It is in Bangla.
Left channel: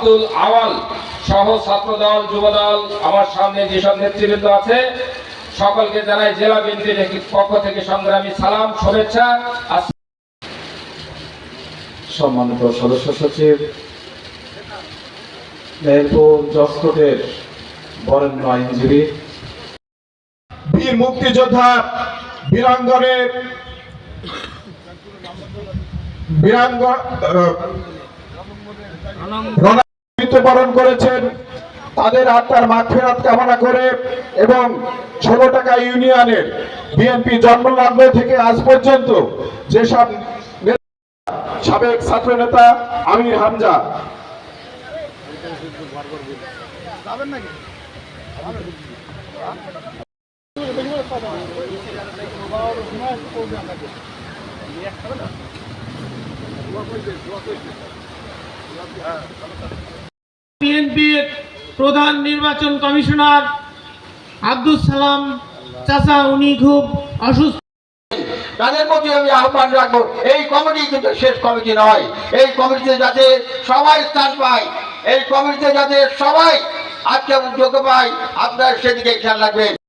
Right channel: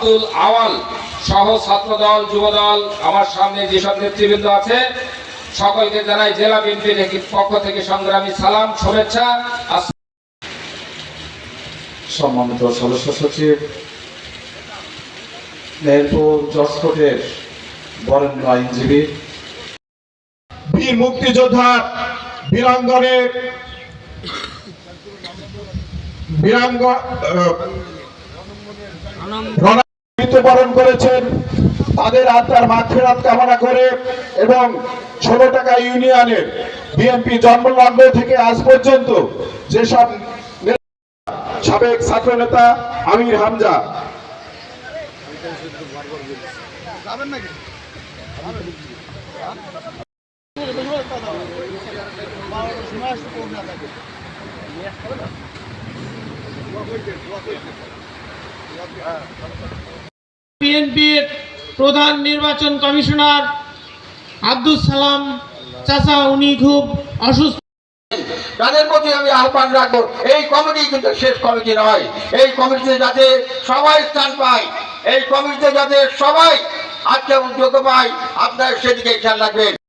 আব্দুল আওয়াল সহ ছাত্রদল যুবদল আমার সামনে যেসব নেতৃবৃন্দ আছে সকলকে জানাই জেলা বিএনপির পক্ষ থেকে সংগ্রামী সালাম শুভেচ্ছা। সম্মানিত সদস্য সচিব মেহেরপুর জসকোটের বরেণ্য আইনজীবী। বীর মুক্তিযোদ্ধা বীরাঙ্গনের বীরাঙ্গ আহ, রণা- মৃত্যুবরণ করেছেন। তাদের আত্মার মাগফিরাত কামনা করে এবং ষোলো টাকা ইউনিয়নের বিএনপি জন্মলগ্ন থেকে আজ পর্যন্ত যেসব সাবেক ছাত্র নেতা আমির হামজা। বিএনপির প্রধান নির্বাচন কমিশনার আব্দুল সালাম চাচা, উনি খুব অসুস্থ। তাদের প্রতি আমি আহ্বান রাখব, এই কমিটি কিন্তু শেষ কমিটি নয়। এই কমিটিতে যাতে সবাই স্থান পায়, এই কমিটিতে যাতে সবাই আজকে যোগ্য পায়, আপনার সেদিকে খেয়াল রাখবেন।